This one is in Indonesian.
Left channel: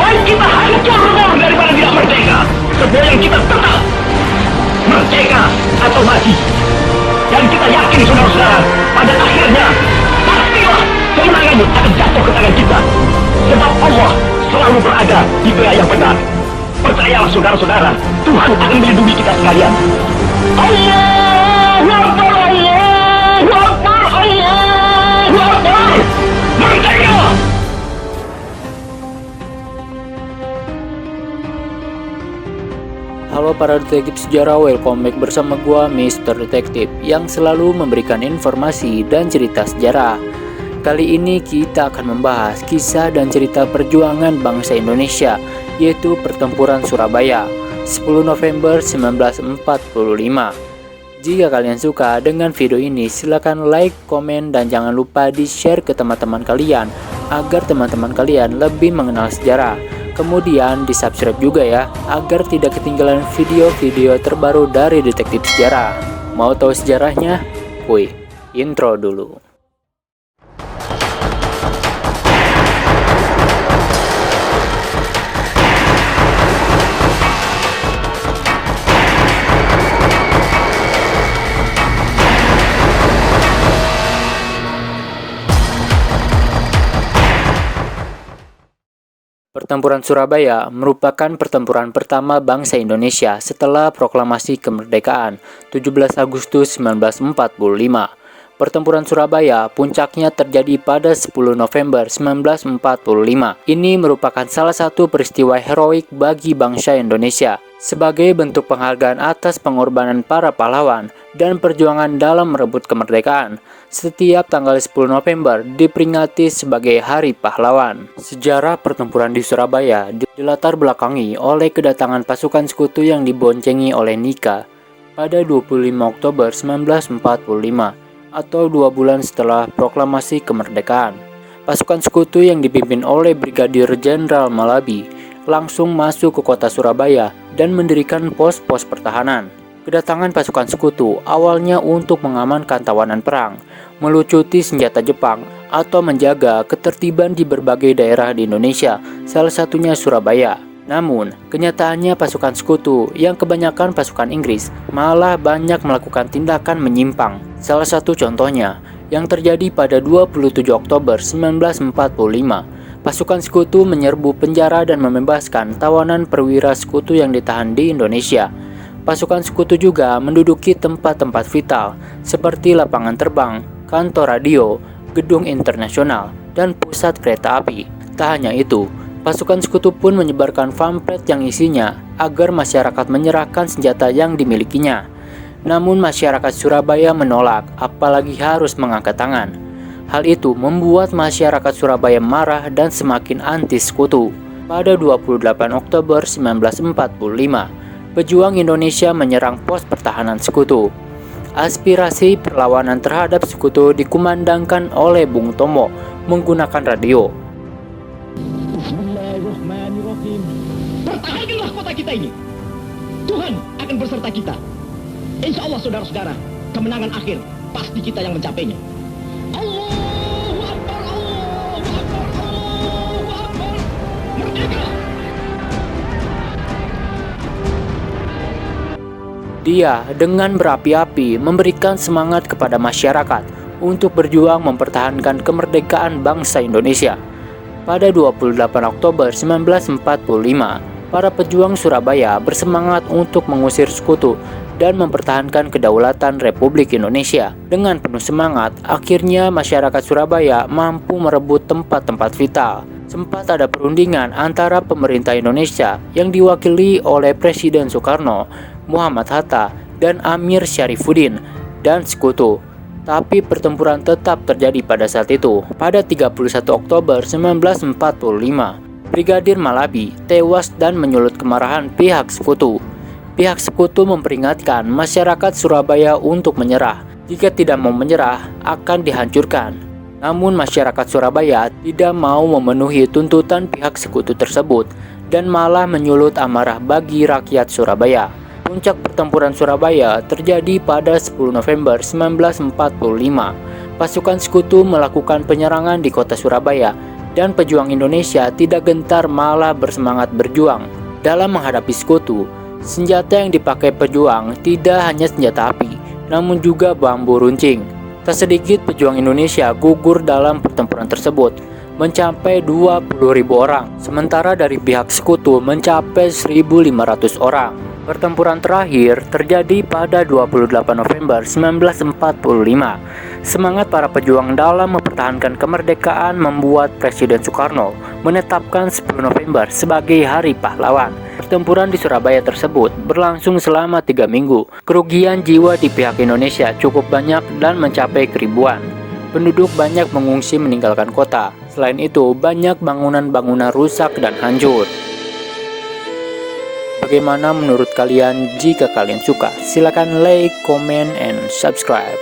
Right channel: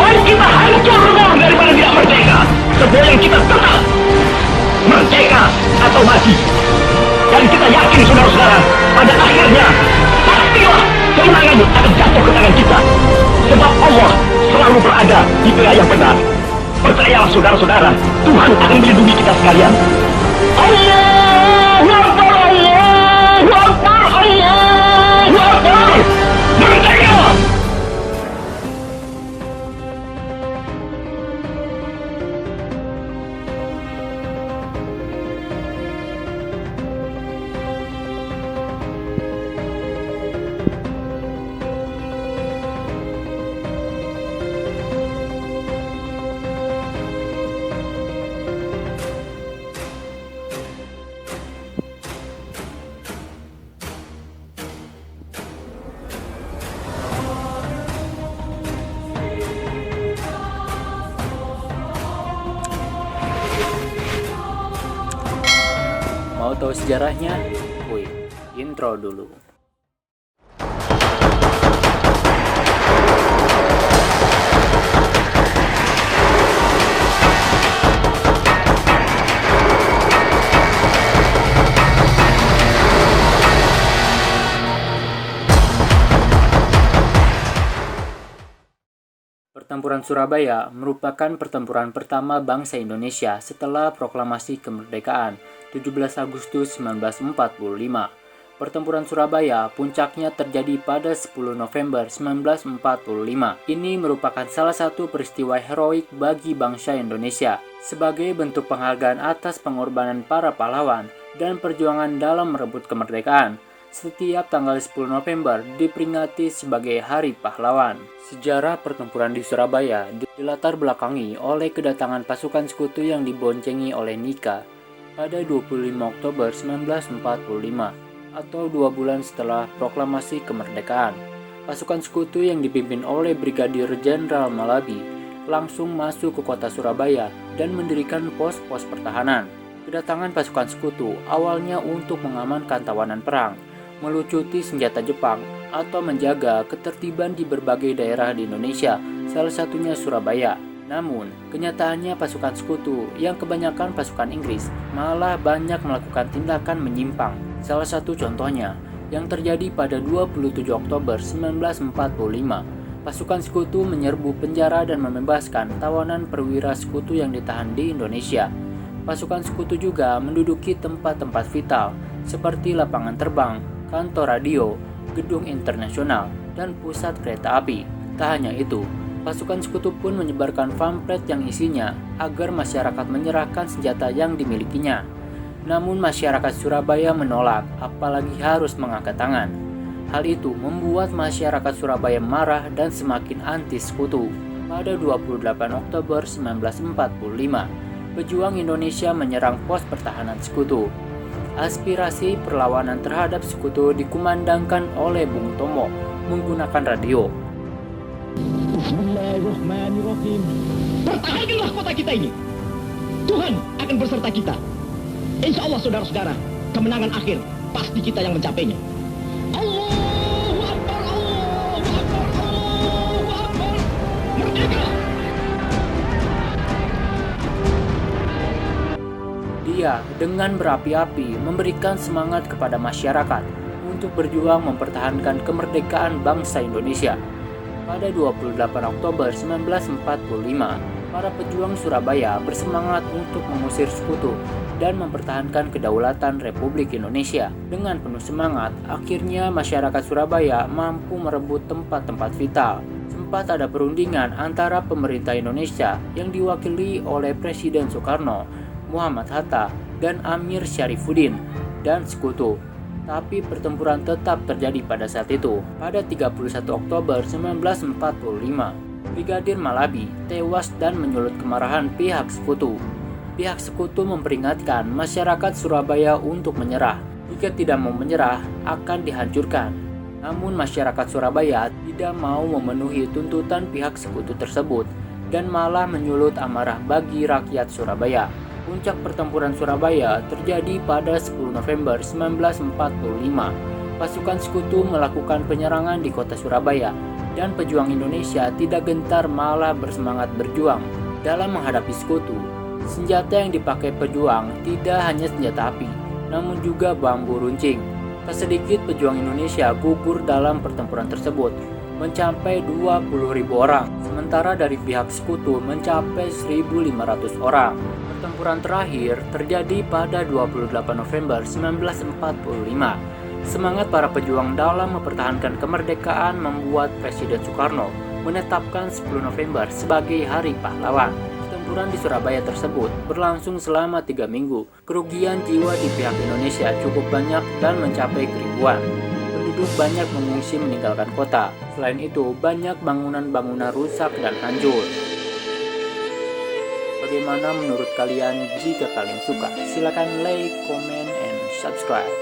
baik kita hancur lebur daripada tidak merdeka. Semboyan kita tetap merdeka atau mati. Dan kita yakin saudara-saudara, pada akhirnya pastilah kemenangan akan jatuh ke tangan kita. Sebab Allah selalu berada di pihak yang benar. Percayalah saudara-saudara, Tuhan akan melindungi kita sekalian. Allahu Akbar, Allahu Akbar, Allahu Akbar. Merdeka! Halo para detektif sejarah, welcome back bersama gua Mr. Detektif yang selalu memberikan informasi dan cerita sejarah. Kali ini kita akan membahas kisah dan cerita perjuangan bangsa Indonesia, yaitu Pertempuran Surabaya 10 November 1945. Jika kalian suka dengan video ini, silakan like, komen, dan jangan lupa di-share ke teman-teman kalian agar teman-teman kalian lebih mengenal sejarah. Kemudian di-subscribe juga ya, agar tidak ketinggalan video-video terbaru dari detektif sejarah. Mau tahu sejarahnya? Wih, intro dulu. Pertempuran Surabaya merupakan pertempuran pertama bangsa Indonesia setelah proklamasi kemerdekaan 17 Agustus 1945. Pertempuran Surabaya puncaknya terjadi pada 10 November 1945. Ini merupakan salah satu peristiwa heroik bagi bangsa Indonesia sebagai bentuk penghargaan atas pengorbanan para pahlawan dan perjuangan dalam merebut kemerdekaan. Setiap tanggal 10 November diperingati sebagai Hari Pahlawan. Sejarah pertempuran di Surabaya dilatar belakangi oleh kedatangan pasukan sekutu yang diboncengi oleh Nika pada 25 Oktober 1945 atau 2 bulan setelah proklamasi kemerdekaan. Pasukan sekutu yang dipimpin oleh Brigadir Jenderal Malabi langsung masuk ke kota Surabaya dan mendirikan pos-pos pertahanan. Kedatangan pasukan sekutu awalnya untuk mengamankan tawanan perang, melucuti senjata Jepang, atau menjaga ketertiban di berbagai daerah di Indonesia, salah satunya Surabaya. Namun, kenyataannya pasukan sekutu yang kebanyakan pasukan Inggris malah banyak melakukan tindakan menyimpang. Salah satu contohnya yang terjadi pada 27 Oktober 1945. Pasukan sekutu menyerbu penjara dan membebaskan tawanan perwira sekutu yang ditahan di Indonesia. Pasukan sekutu juga menduduki tempat-tempat vital seperti lapangan terbang, kantor radio, gedung internasional, dan pusat kereta api. Tak hanya itu, pasukan sekutu pun menyebarkan pamflet yang isinya agar masyarakat menyerahkan senjata yang dimilikinya. Namun masyarakat Surabaya menolak, apalagi harus mengangkat tangan. Hal itu membuat masyarakat Surabaya marah dan semakin anti sekutu. Pada 28 Oktober 1945, pejuang Indonesia menyerang pos pertahanan sekutu. Aspirasi perlawanan terhadap sekutu dikumandangkan oleh Bung Tomo menggunakan radio. Bismillahirrahmanirrahim. Pertahankanlah kota kita ini. Tuhan akan berserta kita. Insya Allah saudara-saudara, kemenangan akhir pasti kita yang mencapainya. Allahu Akbar, Allahu Akbar, Allahu Akbar. Merdeka! Dia dengan berapi-api memberikan semangat kepada masyarakat untuk berjuang mempertahankan kemerdekaan bangsa Indonesia. Pada 28 Oktober 1945, para pejuang Surabaya bersemangat untuk mengusir sekutu dan mempertahankan kedaulatan Republik Indonesia. Dengan penuh semangat, akhirnya masyarakat Surabaya mampu merebut tempat-tempat vital. Sempat ada perundingan antara pemerintah Indonesia yang diwakili oleh Presiden Soekarno, Muhammad Hatta, dan Amir Syarifuddin dan sekutu. Tapi pertempuran tetap terjadi pada saat itu. Pada 31 Oktober 1945, Brigadir Malabi tewas dan menyulut kemarahan pihak sekutu. Pihak sekutu memperingatkan masyarakat Surabaya untuk menyerah. Jika tidak mau menyerah, akan dihancurkan. Namun masyarakat Surabaya tidak mau memenuhi tuntutan pihak sekutu tersebut dan malah menyulut amarah bagi rakyat Surabaya. Puncak pertempuran Surabaya terjadi pada 10 November 1945. Pasukan sekutu melakukan penyerangan di kota Surabaya Dan pejuang Indonesia tidak gentar, malah bersemangat berjuang dalam menghadapi sekutu. Senjata yang dipakai pejuang tidak hanya senjata api, namun juga bambu runcing. Tak sedikit pejuang Indonesia gugur dalam pertempuran tersebut, mencapai 20.000 orang, sementara dari pihak sekutu mencapai 1.500 orang. Pertempuran terakhir terjadi pada 28 November 1945. Semangat para pejuang dalam mempertahankan kemerdekaan membuat Presiden Soekarno menetapkan 10 November sebagai Hari Pahlawan. Pertempuran di Surabaya tersebut berlangsung selama 3 minggu. Kerugian jiwa di pihak Indonesia cukup banyak dan mencapai keribuan. Penduduk banyak mengungsi meninggalkan kota. Selain itu, banyak bangunan-bangunan rusak dan hancur. Bagaimana menurut kalian? Jika kalian suka, silakan like, comment, and subscribe.